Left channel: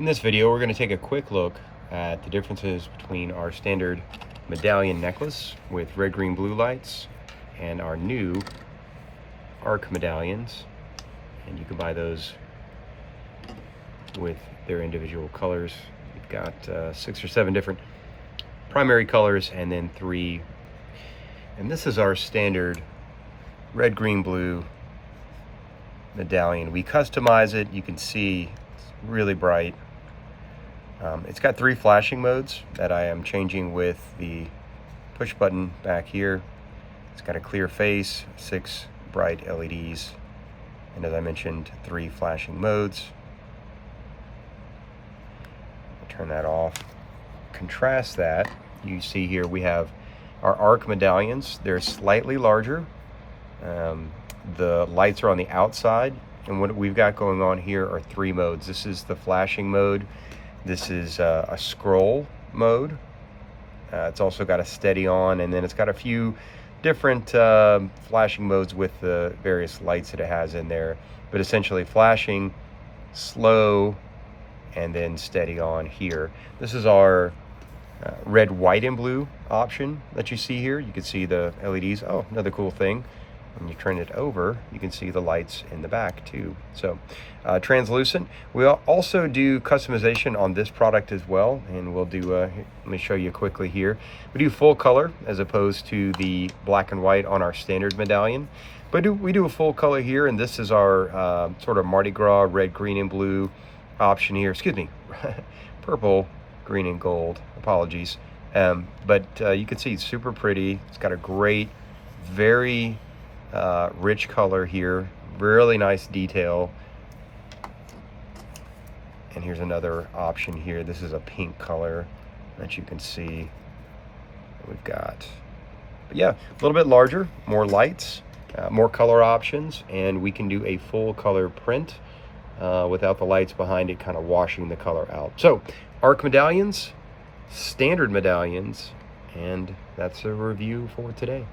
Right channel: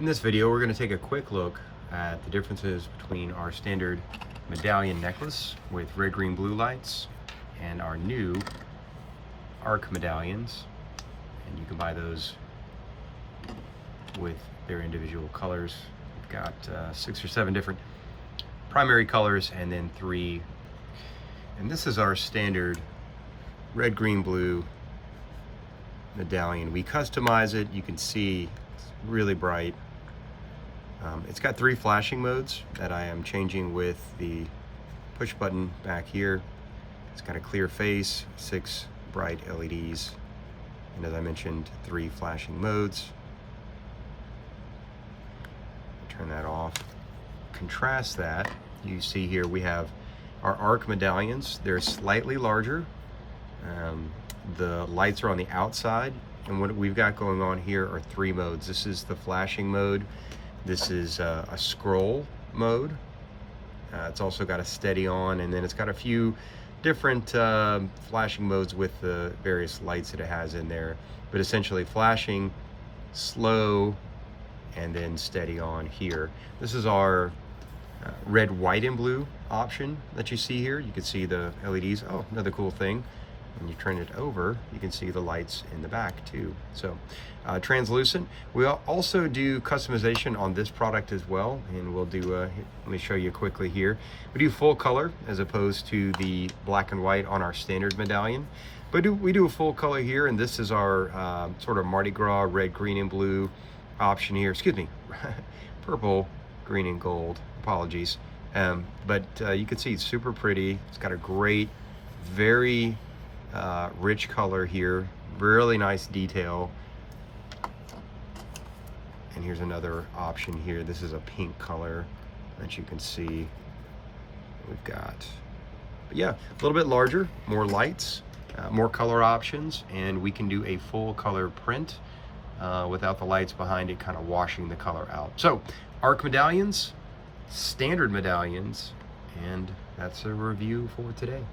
In this video, we're going to take a quick look at the differences between our standard medallion necklace with red, green, blue lights and our new arc medallions. And you can buy those with their individual colors. We've got 6 or 7 different primary colors and then 3. And this is our standard red, green, blue medallion. We customize it. You can see it's really bright. It's got 3 flashing modes that I am changing with the push button back here. It's got a clear face, 6 bright LEDs, and as I mentioned, 3 flashing modes. I'll turn that off. Contrast that, you see here we have our arc medallions. They're slightly larger. The lights are on the outside, and what we've got going on here are 3 modes. This is the flashing mode. This is a scroll mode. It's also got a steady on, and then it's got a few different flashing modes with the various lights that it has in there. But essentially flashing, slow, and then steady on here. This is our red, white, and blue option that you see here. You can see the LEDs. Oh, another cool thing. When you turn it over, you can see the lights in the back too. So translucent. We'll also do customization on this product as well, and we'll do let me show you quickly here. We do full color as opposed to the black and white on our standard medallion, but we do a full color here, and this is our sort of Mardi Gras red, green, and blue option here. Excuse me, purple, green, and gold. Apologies. But you can see it's super pretty. It's got a great, very rich color here, really nice detail. And here's another option here. This is a pink color that you can see we've got. But yeah, a little bit larger, more lights, more color options, and we can do a full color print without the lights behind it kind of washing the color out. So arc medallions, standard medallions, and that's a review for today.